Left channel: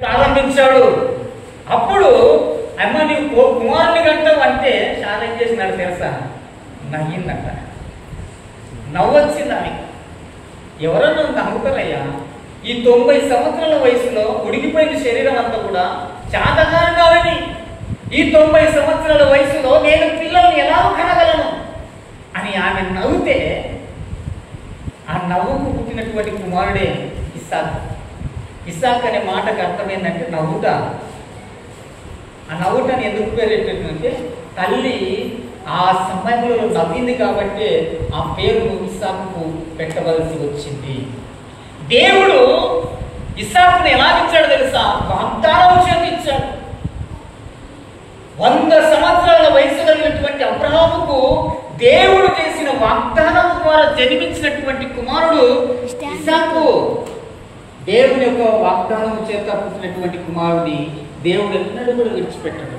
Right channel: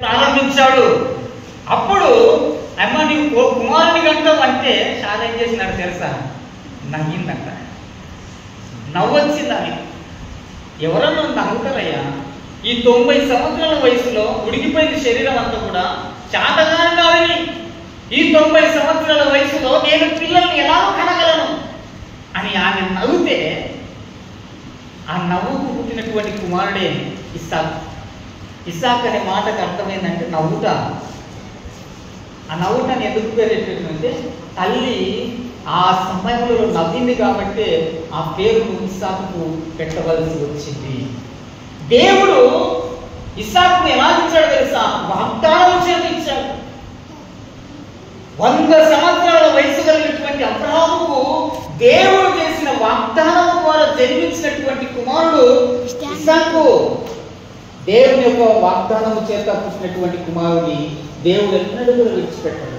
ప్రారంభించాడు. అప్పుడు అమ్మ నీవు కుమారుని గంటావు అంటే చాలా ఏం చేసినాడు తెలుసా? నవ్విందంట. నవ్వొచ్చింది ఆమె. ఎవరన్నా నవ్వుతారయ్యా? ఈ 90 సంవత్సరాల వయసులో ఉడికిపోయిన శరీరం అంతా కూడా చాతగాని కాదని, ఈ 90 సంవత్సరాల వయసులో నేను పిల్లల్ని ఎలా కనగలను అని ఆమె నవ్వుతే, ఆ నవ్వుకు పుట్టినటువంటి కుమారుడే ఇస్సాకు. ఇస్సాక్ అనే మాటకు అర్థం ఏంటంటే నవ్వుతా. ఆ నవ్వుటాన్ని ఎందుకు పేరెట్టిందంటే తల్లి ఆ సమయంలో నవ్వింది కాబట్టి ఆ పేరును ఇస్సాకు పెట్టవలసి వచ్చింది. దేవుడు ఇస్సాకుని ఎలా ఇచ్చాడు తెలుసా? వాగ్దానం చేయించాడు. 100 సంవత్సరాల వయసు కలిగినటువంటి అబ్రహాముకు దేవుడు చేసిన వాగ్దానం ద్వారా జన్మించినటువంటి కుమారుడు ఇస్సాకు. దేవుని యొక్క వాగ్దానం చేత పుట్టినటువంటి కుమారుడిని దేవుడు ఎన్నడూ కూడా విడిచిపెట్టాడు.